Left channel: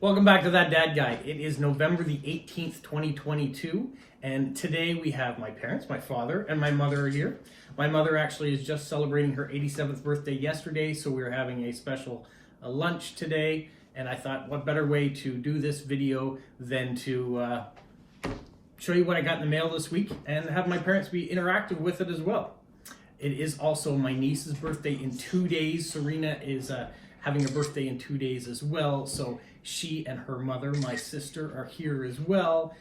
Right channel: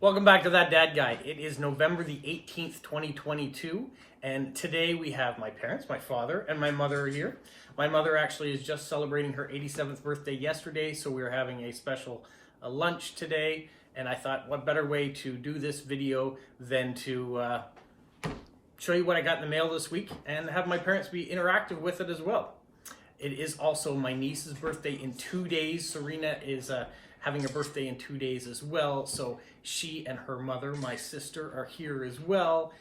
Welcome back to That Dad Guide. It is November the 18th, 2022, and today we have my parents, my father, and my mother are here. My mother actually is just celebrating her 87th birthday yesterday, so we're having a special lunch today, and I thought what better way to do this video than to show you what I got in the mail this week and have my parents be interactive with it as well. It is also my niece's birthday in 2 days. Serena is having a birthday in 2 days as well, so she and her mother, my sister, are here as well.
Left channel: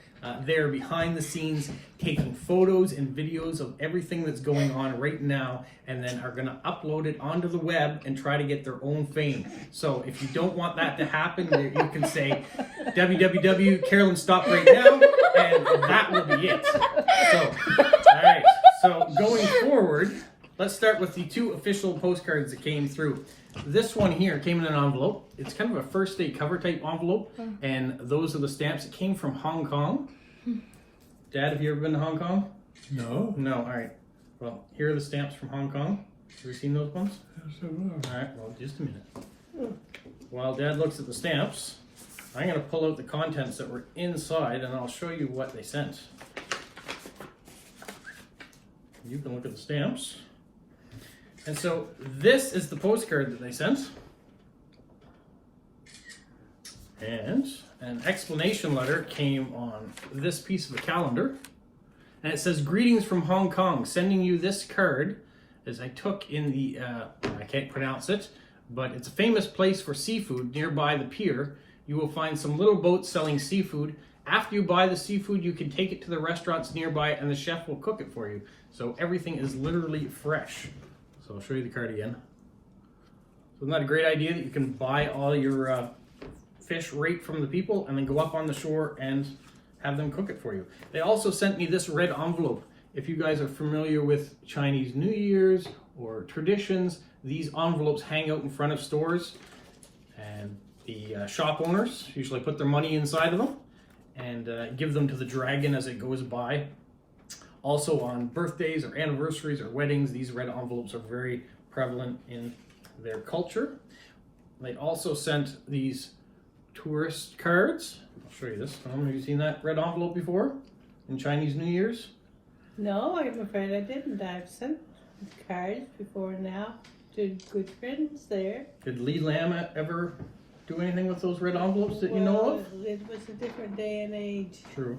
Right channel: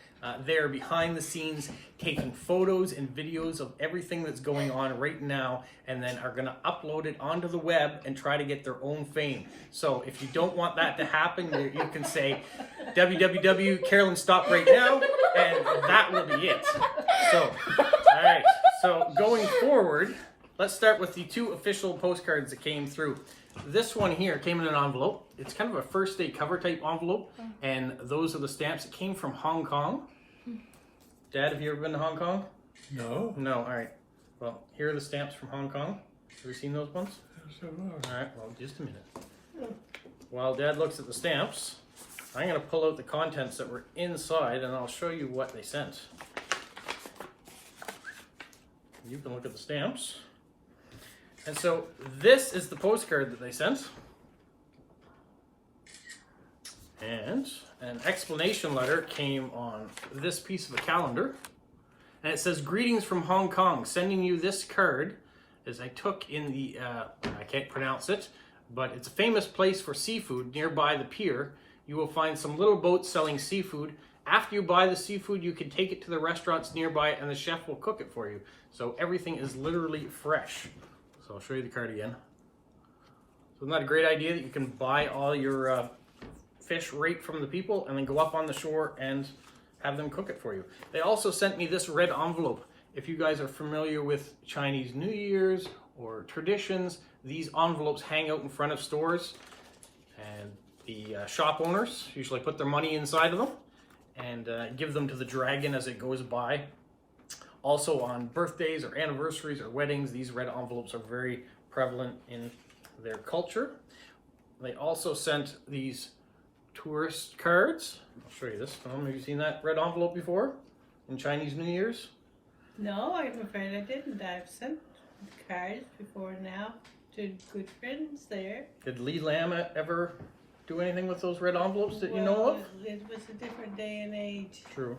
They're behind the scenes taking photos and videos of everything that's going on right now, and then are gonna upload it onto the web and try to get their own fame. So if you don't want that to happen, you can say www, Carolyn, stop right now, and that will be it. So, all right, so going forward, let's start with the two official postcards that came through. This one here came in an envelope. It's kind of a first day cover type envelope, and those are the stamps. It came from Hong Kong. Dad, have you ever been to Hong Kong? No. No, all right. Well, here are the stamps from Hong Kong. Have you seen those ones? Yes, I will. All right, well, just a minute. While Dad looks at the stamps, I'm going to pull out the contents that were inside, and I'll show you what they sent. You can look at the stamps. And so this is the postcard that they sent. And an explanation letter came on this piece of a calendar. And it says, "Greetings from Hong Kong, sending you this card as I took in the, I can't pronounce it, but it's a famous place for seafood nearby the pier. You will find some little boats selling seafood. After you buy the seafood, you can take it to the restaurants nearby and the chef will cook it for you. So everything is literally fresh." So I'll show you the card again. So isn't that a great idea that you can buy all your fish right from the people and then go up on the shore and have them cook it for you? They also sent me this red envelope. If you guys are familiar with Chinese New Year's or traditions, these envelopes hang out in front of stores, and the shop owners usually put their money inside of them and give them to the dragon as it goes by. Also on birthdays or anniversaries or weddings, these red envelopes are very prevalent in their culture. They also sent these tourist cards. I'll show you this. Have you seen that red envelope before in Chinese New Year's? No, I'm afraid I didn't. I've sent cards before now to good friends there. Did Lee Lam ever do anything with those red envelopes that you know of? It was a different day and age. True.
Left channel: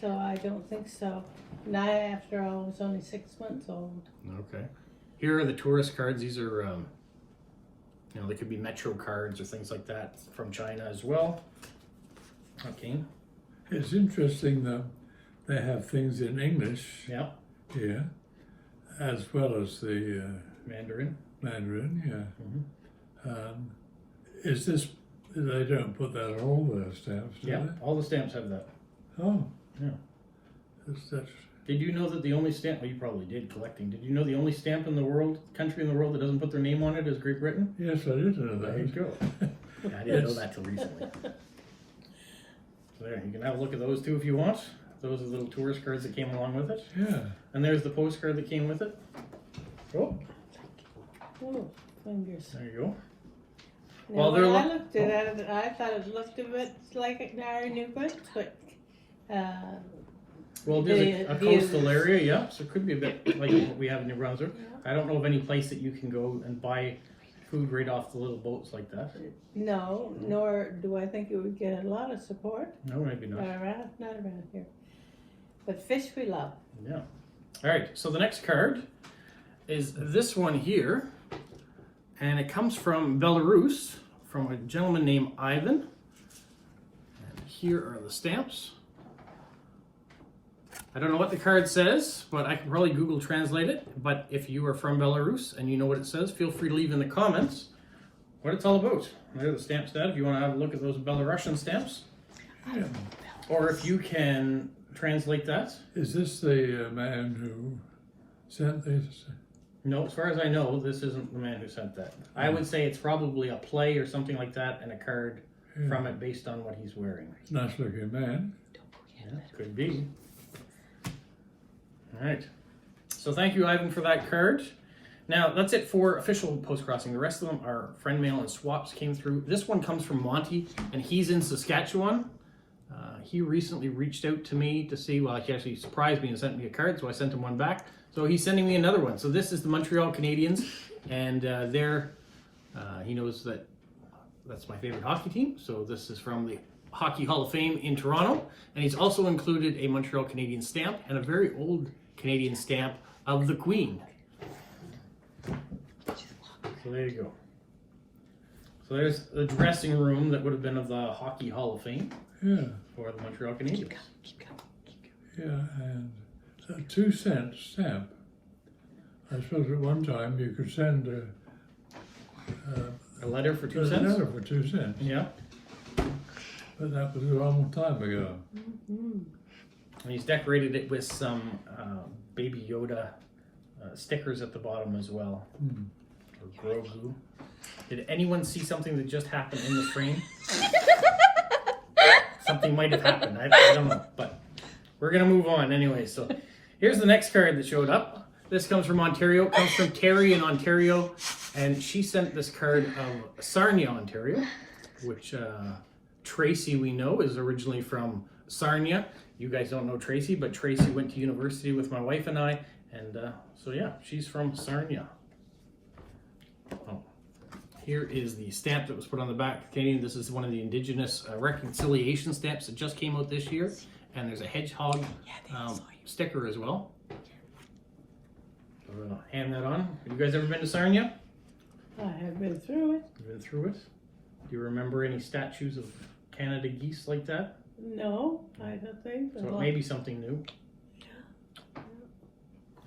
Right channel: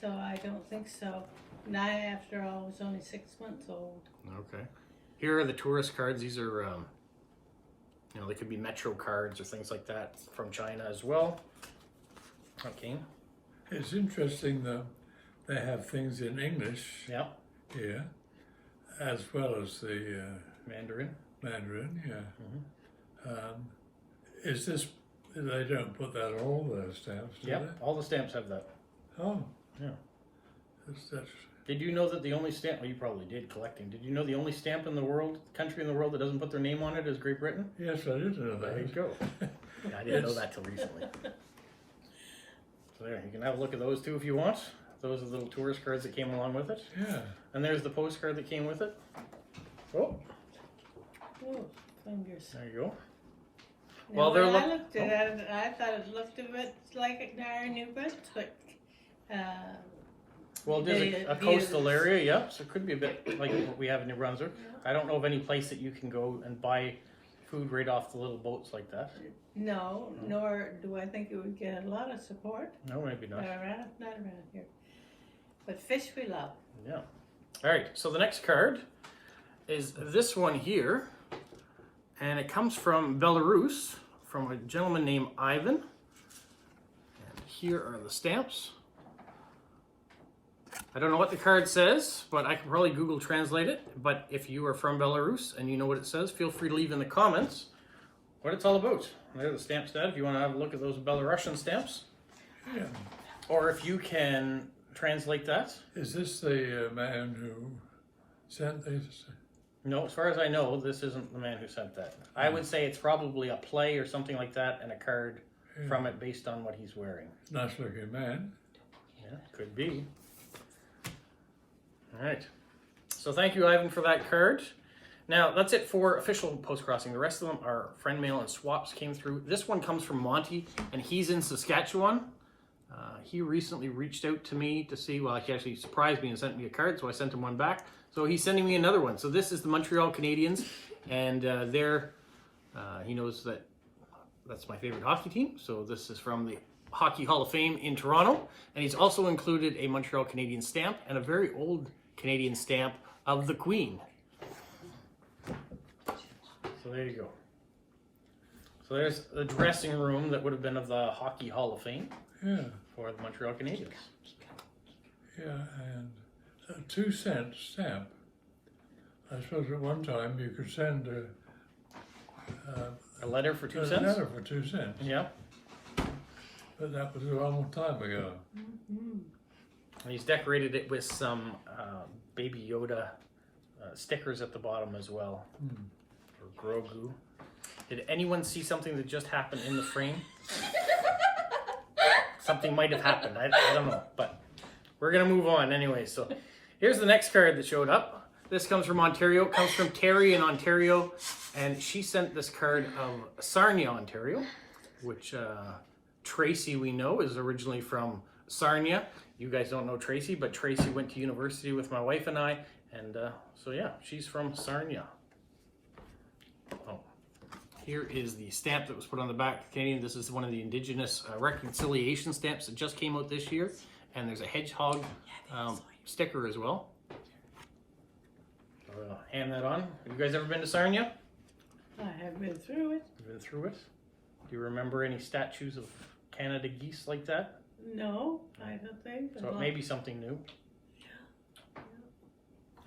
So I don't think so. Not after I was only 6 months old. Okay. Here are the tourist cards. These are, you know, they could be Metro cards or things like that from China as well. Okay. It's interesting that they have things in English Yeah. here, as well as the Mandarin. Mandarin, yeah. Mm-hmm. Is this, they don't put that on all their stamps, do Yeah, they? all the stamps have that. Oh. Yeah. That's, Did you know that the only stamp, well, you probably did collecting, did you know the only stamp in the world, country in the world that doesn't put their name on it is Great Britain? yes, I did know that. There you go. Yeah, I didn't know that till recently. So there, you can have a look at those too if you want. Those are the little tourist cards that came along with it. Yeah. And there's the postcard that came with it. Oh, Oh, fingers. there you go. Now, Well, when they're I looked at it, I thought it looked a bit like an iron new but Well, there's a coastal area, yeah, so it could be a bit like what we have in New Brunswick. I don't know of any place that you can go and buy food right off the little boats like that. no, nor do I think it would get a lot of support. No, maybe not. Not around here. But fish we love. Yeah. All right, so the next card is this one here, and it comes from Belarus, from a gentleman named Ivan. And here are the stamps. I don't know what the card says, but I can probably Google translate it. But if you are from Belarus and you know what it says, feel free to leave in the comments what it's all about. There are the stamps, Dad, if you want to have a look at those Belarusian stamps. Yeah. Or if you can translate that. Is this the man who sent this? No, as far as I know, this isn't the man who sent that. I would say it's probably a play or something like that and a card from it based on what he's wearing. Nice looking man. Yeah, could be. All right. So thank you, Ivan, for that card. Now, that's it for official Postcrossing. The rest of them are friend mail and swaps came through. This one comes from Monty, and he's in Saskatchewan. He recently reached out to me to see, well, he actually surprised me and sent me a card, so I sent him one back. So he's sending me another one. So this is the Montreal Canadiens, and he knows that that's my favorite hockey team. So this is from the Hockey Hall of Fame in Toronto. And he's also included a Montreal Canadiens stamp and a very old Canadian stamp of the Queen. So there you go. So there's the dressing room that would have been of the Hockey Hall of Fame. Yeah. For the Montreal Canadiens. Yeah, and a 2-cent stamp. I suppose at one time you could send a letter for 2 a cents? letter for 2 cents. Yeah. But that was a long time ago. And he's decorated it with some Baby Yoda stickers at the bottom as well. Or Grogu. Did anyone see something that just happened in the frame? Something might have happened. I don't know. But we're going to move on anyway. So here's the next card that showed up. This comes from Ontario. It comes from Terry in Ontario. And she sent this card of Sarnia, Ontario, which Tracy, we know, is originally from Sarnia. You guys don't know Tracy, but Tracy went to university with my wife and I. And so, yeah, she's from Sarnia. Oh. Here is the stamp that was put on the back. This is one of the Indigenous reconciliation stamps that just came out this year. And there's a hedgehog sticker as well. So I'll hand that on. Have you guys ever been to Sarnia? I have been through it. You've been through it? Do you remember any statues of Canada geese like that? No, I don't think. So it may be something new.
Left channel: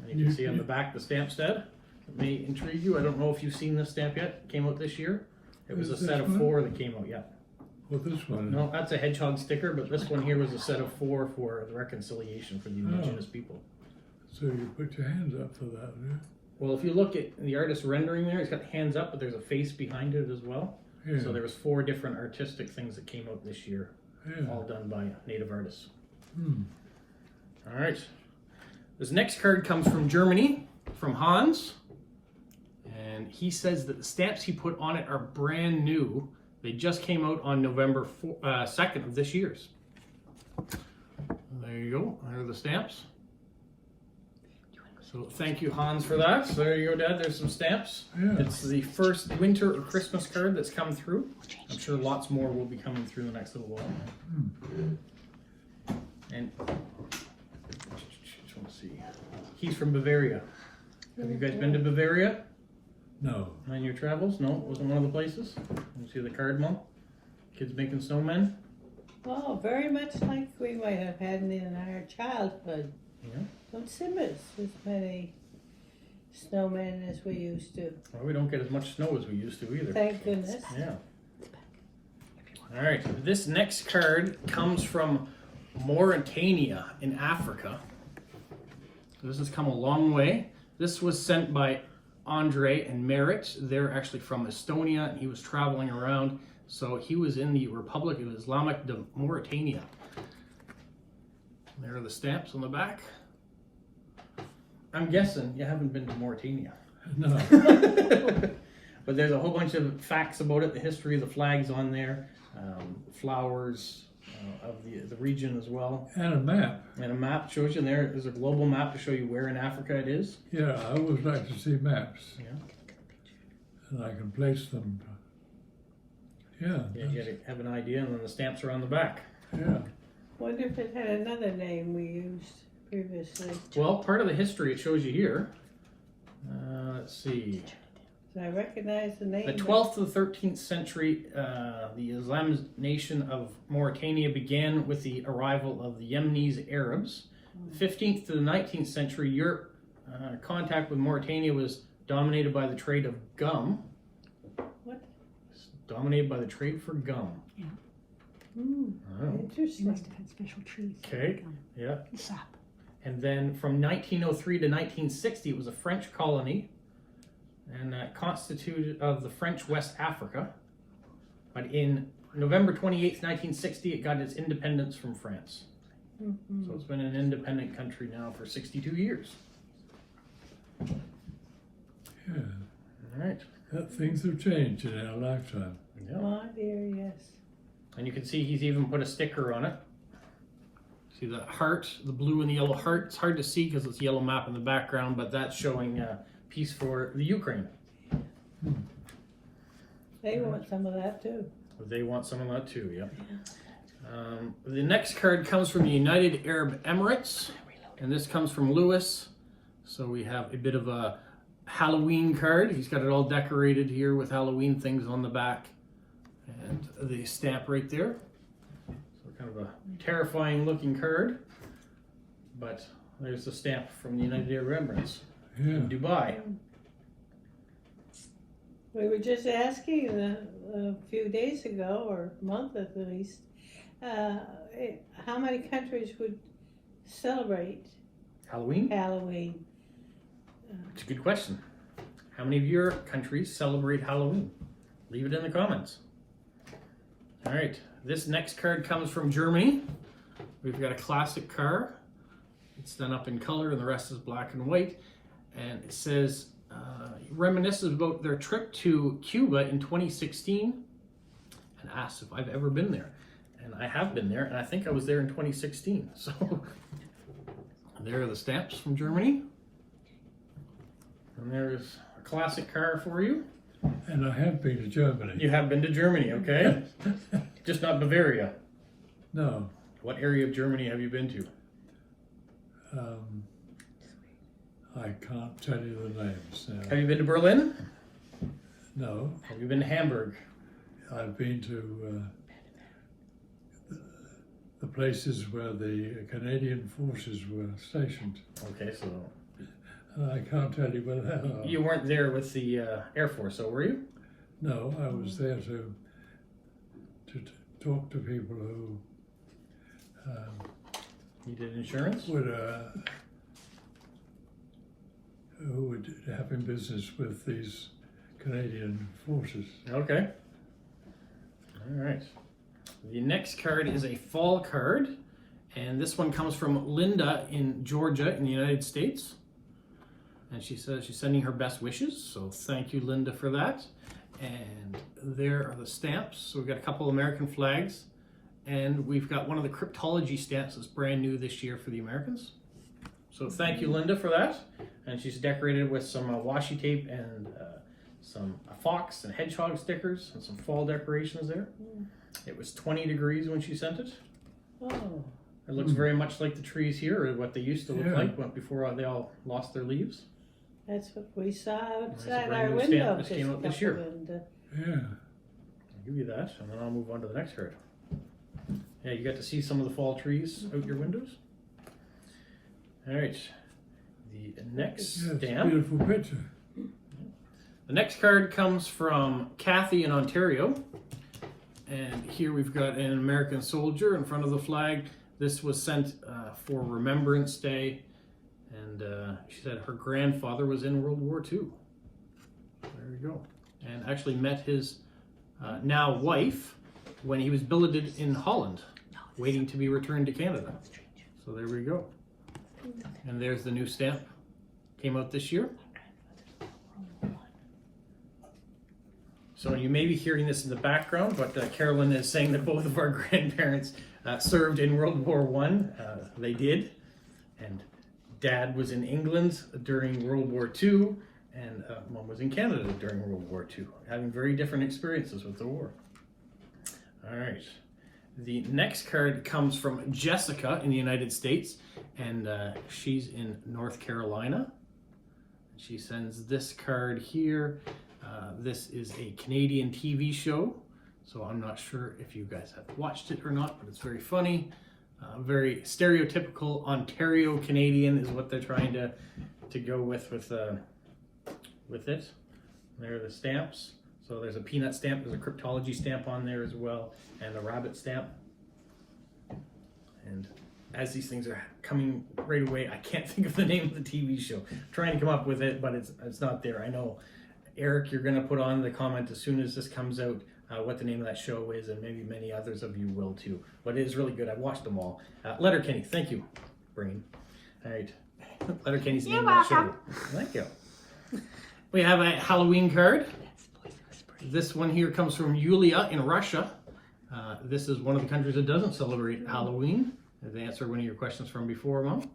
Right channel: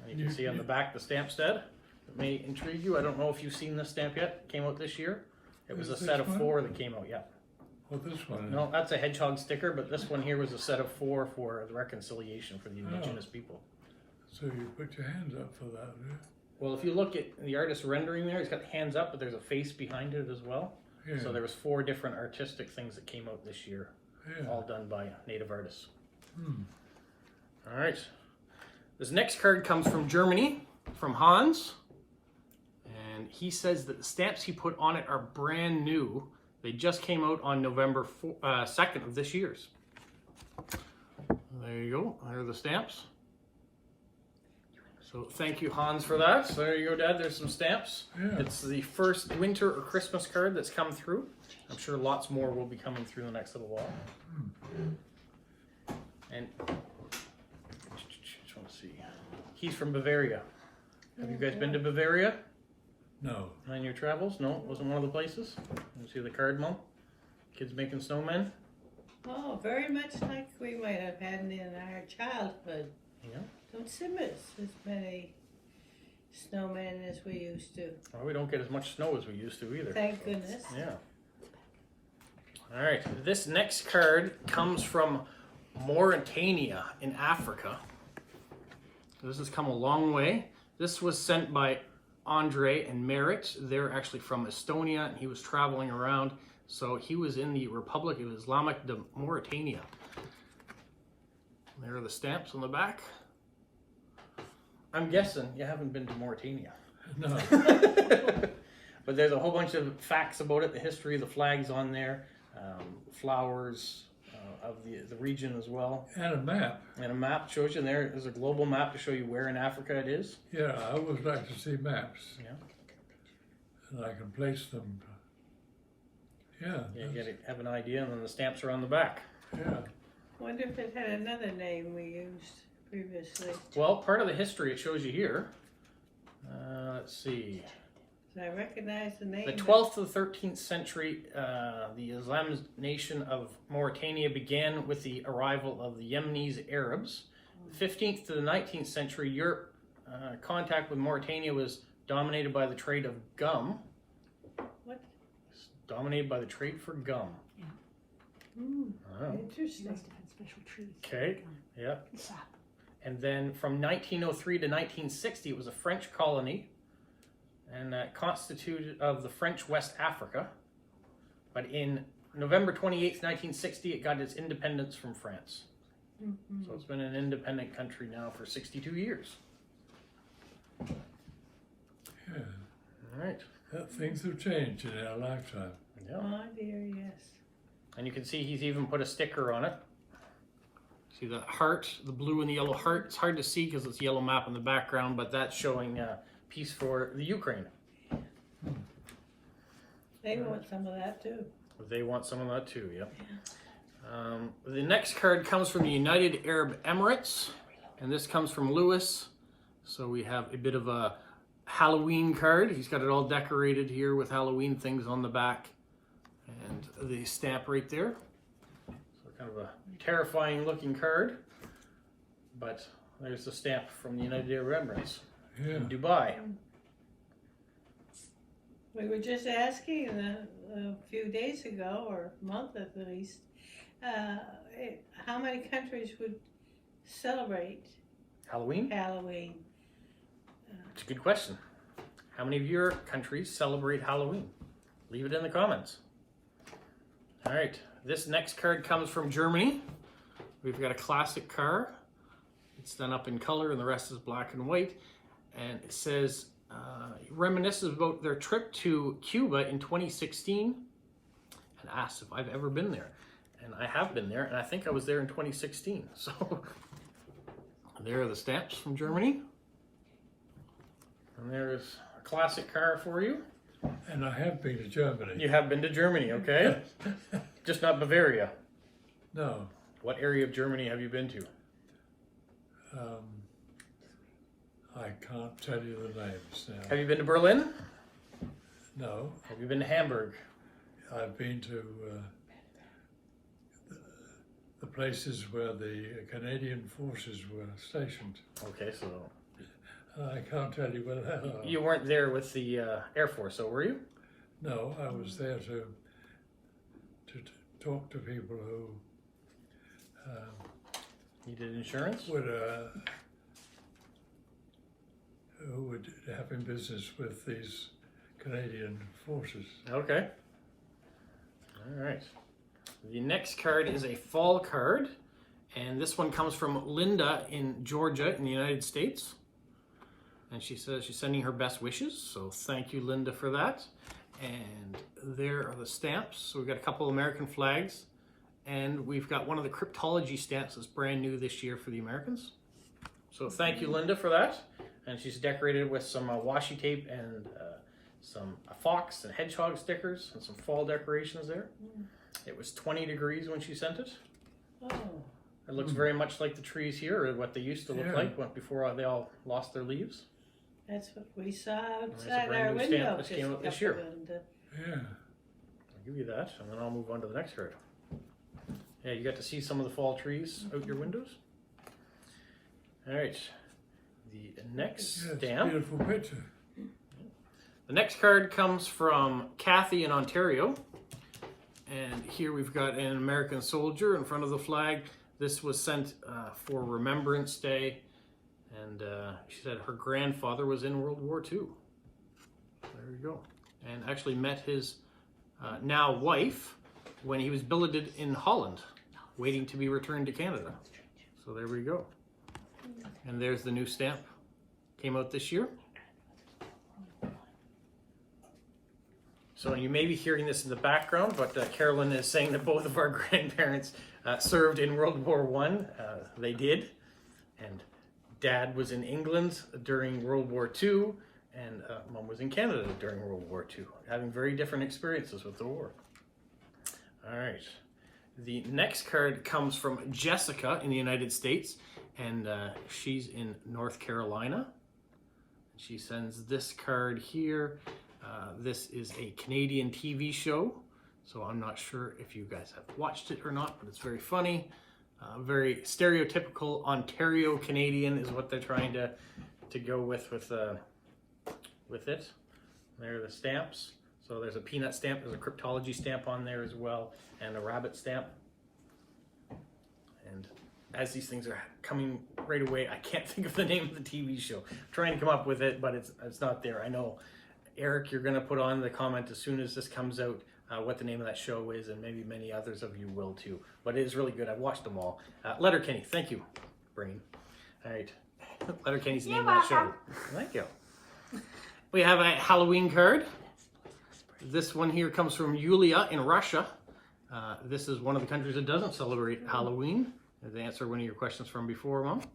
And you can see on the back the stamp stud. It may intrigue you. I don't know if you've seen this stamp yet. It came out this year. It was a set of 4 that came out, yeah. Well, this one. No, that's a hedgehog sticker, but this one here was a set of 4 for the reconciliation for the Indigenous people. So you put your hands up for that, yeah? Well, if you look at the artist's rendering there, he's got hands up, but there's a face behind it as well. Yeah. So there was 4 different artistic things that came out this year, Yeah. all done by native artists. Hmm. All right. This next card comes from Germany, from Hans. And he says that the stamps he put on it are brand new. They just came out on November 2nd of this year's. There you go. There are the stamps. So thank you, Hans, for that. So there you go, Dad. There's some stamps. Yeah. It's the first winter or Christmas card that's come through. I'm sure lots more will be coming through in the next little while. And just want to see. He's from Bavaria. Have you guys been to Bavaria? No. On your travels? No, it wasn't one of the places. You see the card, Mom? Kids making snowmen? Oh, very much like we might have had in our childhood. Yeah. Don't seem as many snowmen as we used to. Well, we don't get as much snow as we used to either. Thank goodness. Yeah. All right. This next card comes from Mauritania in Africa. This has come a long way. This was sent by Andre and Merit. They're actually from Estonia, and he was traveling around. So he was in the Republic of Islamic de Mauritania. There are the stamps on the back. I'm guessing you haven't been to Mauritania. No. But there's a whole bunch of facts about it, the history, the flags on there, flowers of the region as well. And a map. And a map shows you, and there's a global map to show you where in Africa it is. Yeah, I always like to see maps. Yeah. And I can place them. Yeah. Yeah, you have an idea, and then the stamps are on the back. Yeah. Wonder if it had another name we used previously. Well, part of the history it shows you here. Let's see. I recognize the name. The 12th to the 13th century, the Islamic nation of Mauritania began with the arrival of the Yemenis Arabs. 15th to the 19th century, Europe contact with Mauritania was dominated by the trade of gum. What? Dominated by the trade for gum. Oh. Interesting. Must have had special trees. Okay, yeah. Sap. And then from 1903 to 1960, it was a French colony, and constituted of the French West Africa. But in November 28th, 1960, it got its independence from France. So it's been an independent country now for 62 years. Yeah. All right. Things have changed in our lifetime. Yeah. Oh dear, yes. And you can see he's even put a sticker on it. See the heart, the blue and the yellow heart. It's hard to see because it's a yellow map in the background, but that's showing peace for the Ukraine. They want some of that too. They want some of that too, yeah. The next card comes from the United Arab Emirates, and this comes from Lewis. So we have a bit of a Halloween card. He's got it all decorated here with Halloween things on the back. And the stamp right there. So kind of a terrifying looking card. But there's the stamp from the United Arab Emirates in Dubai. We were just asking a few days ago, or a month at least, how many countries would celebrate Halloween? Halloween? It's a good question. How many of your countries celebrate Halloween? Leave it in the comments. All right, this next card comes from Germany. We've got a classic car. It's done up in color and the rest is black and white. And it says, reminisces about their trip to Cuba in 2016 and asks if I've ever been there. And I have been there, and I think I was there in 2016. So there are the stamps from Germany. And there's a classic car for you. And I have been to Germany. You have been to Germany, okay? Just not Bavaria. No. What area of Germany have you been to? I can't tell you the names now. Have you been to Berlin? No. Have you been to Hamburg? I've been to the places where the Canadian forces were stationed. Okay, so I can't tell you where they are. you weren't there with the Air Force, so were you? No, I was there to talk to people who Needed insurance? would having business with these Canadian forces. Okay. All right. The next card is a fall card, and this one comes from Linda in Georgia in the United States. And she says she's sending her best wishes, so thank you, Linda, for that. And there are the stamps. So we've got a couple American flags, and we've got one of the cryptology stamps that's brand new this year for the Americans. So thank you, Linda, for that. And she's decorated with some washi tape and some fox and hedgehog stickers and some fall decorations there. It was 20 degrees when she sent it. Oh, It looks very much like the trees here, or what they used to look Yeah. like before they all lost their leaves. that's what we saw There's a outside brand our new window. stamp that came out this just a year. couple of them. Yeah. I'll give you that, and then I'll move on to the next card. Yeah, you got to see some of the fall trees out your windows. All right, the next Yeah, it's a stamp. beautiful picture. The next card comes from Kathy in Ontario. And here we've got an American soldier in front of the flag. This was sent for Remembrance Day. And she said her grandfather was in World War II. There you go. And actually met his now wife when he was billeted in Holland, waiting to be returned to Canada. So there we go. And there's the new stamp. Came out this year. So you may be hearing this in the background, but Carolyn is saying that both of our grandparents served in World War I. They did. And Dad was in England during World War II, and Mom was in Canada during World War II, having very different experiences with the war. All right. The next card comes from Jessica in the United States, and she's in North Carolina. She sends this card here. This is a Canadian TV show, so I'm not sure if you guys have watched it or not, but it's very funny. Very stereotypical Ontario Canadian is what they're trying to go with it. There are the stamps. So there's a peanut stamp, there's a cryptology stamp on there as well, and a rabbit stamp. And as these things are coming right away, I can't think of the name of the TV show. I'm trying to come up with it, but it's not there. I know, Eric, you're going to put on the comment as soon as this comes out what the name of that show is, and maybe many others of you will too. But it is really good. I've watched them all. Letterkenny, thank you, Brain. All right, Letterkenny's the name of that show. Thank you. We have a Halloween card. This one here comes from Yulia in Russia. This is one of the countries that doesn't celebrate Halloween. To answer one of your questions from before, Mom.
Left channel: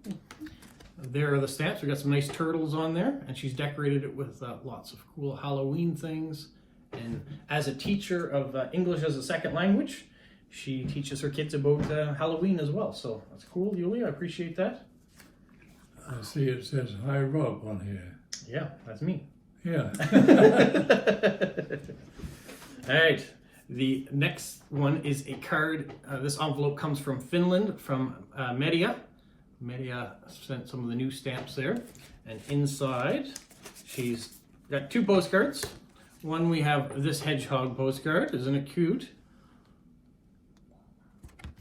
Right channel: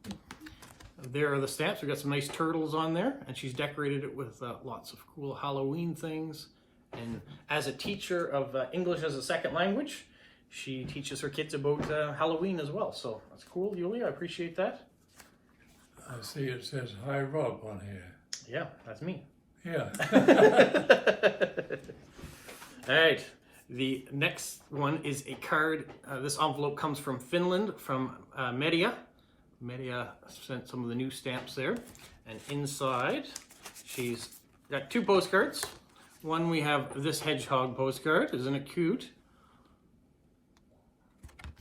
There are the stamps. We got some nice turtles on there, and she's decorated it with lots of cool Halloween things. And as a teacher of English as a second language, she teaches her kids about Halloween as well. So that's cool, Yulia. I appreciate that. I see it says "Hi Rob" on here. Yeah, that's me. Yeah. All right. The next one is a card. This envelope comes from Finland, from Media. Media sent some of the new stamps there. And inside, she's got 2 postcards. One, we have this hedgehog postcard. Isn't it cute?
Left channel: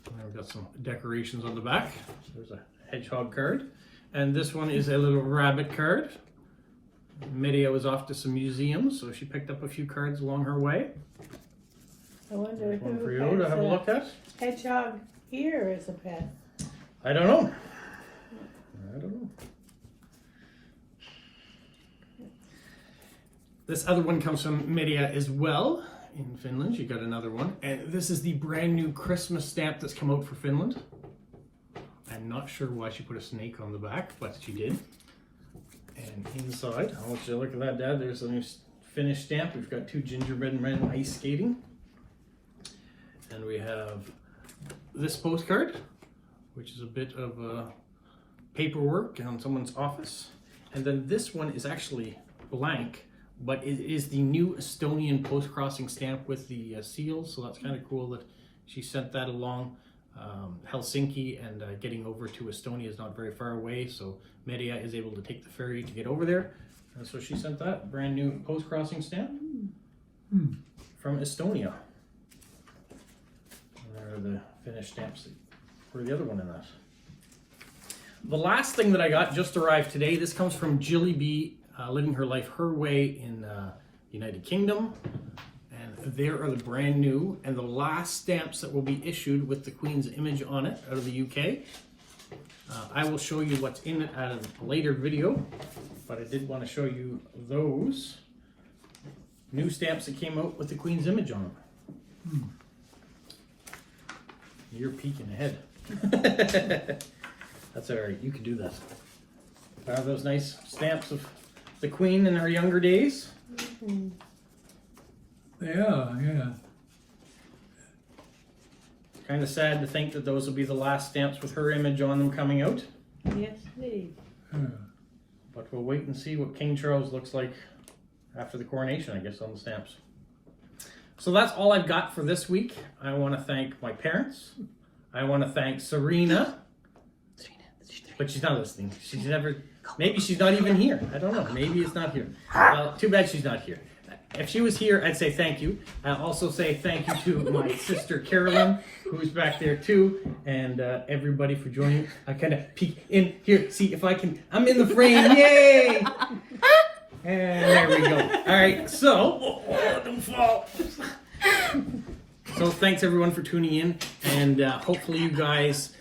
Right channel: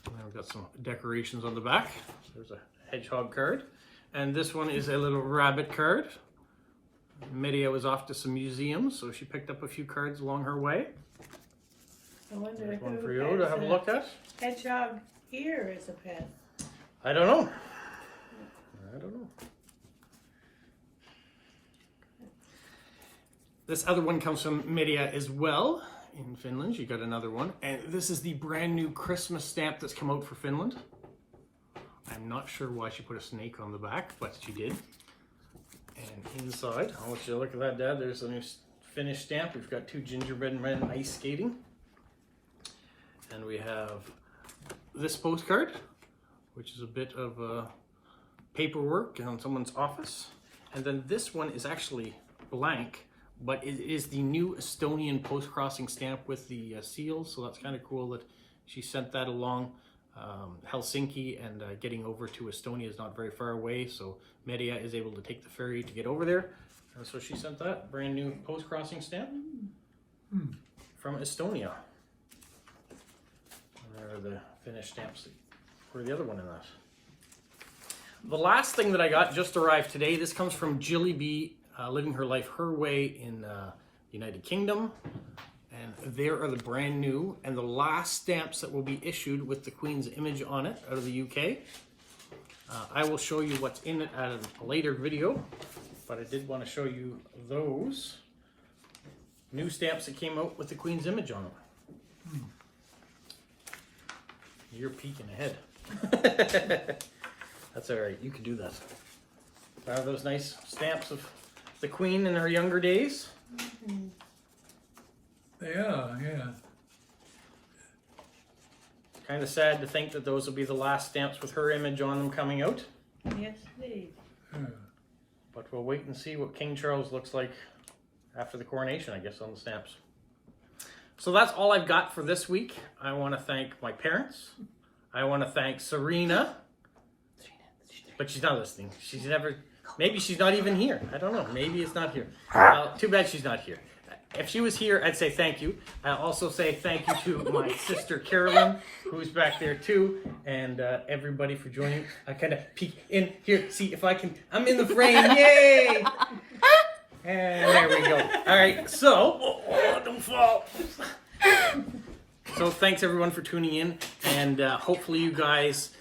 And we've got some decorations on the back. So there's a hedgehog card. And this one is a little rabbit card. Media was off to some museums, so she picked up a few cards along her way. I wonder There's one for who you to has have a a look at. hedgehog here as a pet. I don't know. This other one comes from Media as well in Finland. You got another one. And this is the brand new Christmas stamp that's come out for Finland. I'm not sure why she put a snake on the back, but she did. And inside, I'll let you look at that, Dad. There's a new Finnish stamp. We've got 2 gingerbread men ice skating. And we have this postcard, which is a bit of paperwork in someone's office. And then this one is actually blank, but it is the new Estonian Postcrossing stamp with the seals. So that's kind of cool that she sent that along. Helsinki and getting over to Estonia is not very far away, so Media is able to take the ferry to get over there. And so she sent that brand new Postcrossing stamp from Estonia. And there are the Finnish stamps for the other one in that. The last thing that I got just arrived today. This comes from Jilly B, living her life her way in United Kingdom. And there are the brand new and the last stamps that will be issued with the Queen's image on it out of the UK. I will show you what's in it at a later video, but I did want to show you those new stamps that came out with the Queen's image on them. You're peeking ahead. That's all right, you can do that. Those nice stamps of the Queen in her younger days. They are, yeah. It's kind of sad to think that those will be the last stamps with her image on them coming out. Yes, indeed. Yeah. But we'll wait and see what King Charles looks like after the coronation, I guess, on the stamps. So that's all I've got for this week. I want to thank my parents. I want to thank Serena. But she's not listening. She's never, maybe she's not even here. I don't know. Maybe it's not here. Too bad she's not here. If she was here, I'd say thank you. I'll also say thank you to my sister Carolyn, who's back there too, and everybody for joining. I kind of peek in here, see if I can. I'm in the frame, yay! And there we go. All right, so don't fall. So thanks everyone for tuning in, and hopefully you guys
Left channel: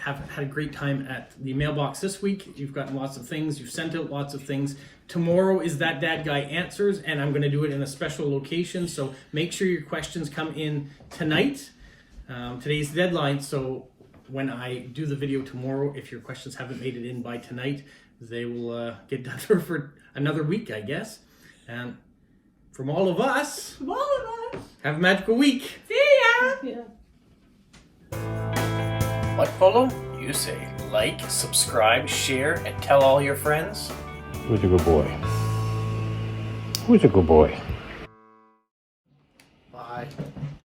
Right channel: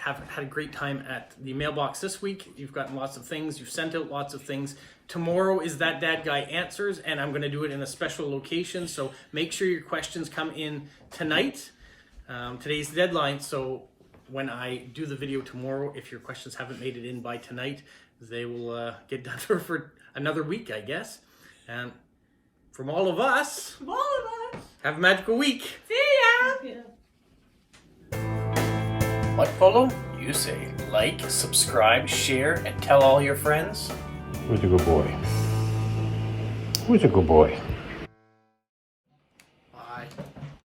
have had a great time at the mailbox this week. You've gotten lots of things. You've sent out lots of things. Tomorrow is That Dad Guy Answers, and I'm going to do it in a special location, so make sure your questions come in tonight. Today's the deadline, so when I do the video tomorrow, if your questions haven't made it in by tonight, they will get done for another week, I guess. And from all of us, have a magical week. See ya! Yeah. What, Polo? You say like, subscribe, share, and tell all your friends. Who's a good boy? Who's a good boy? Bye.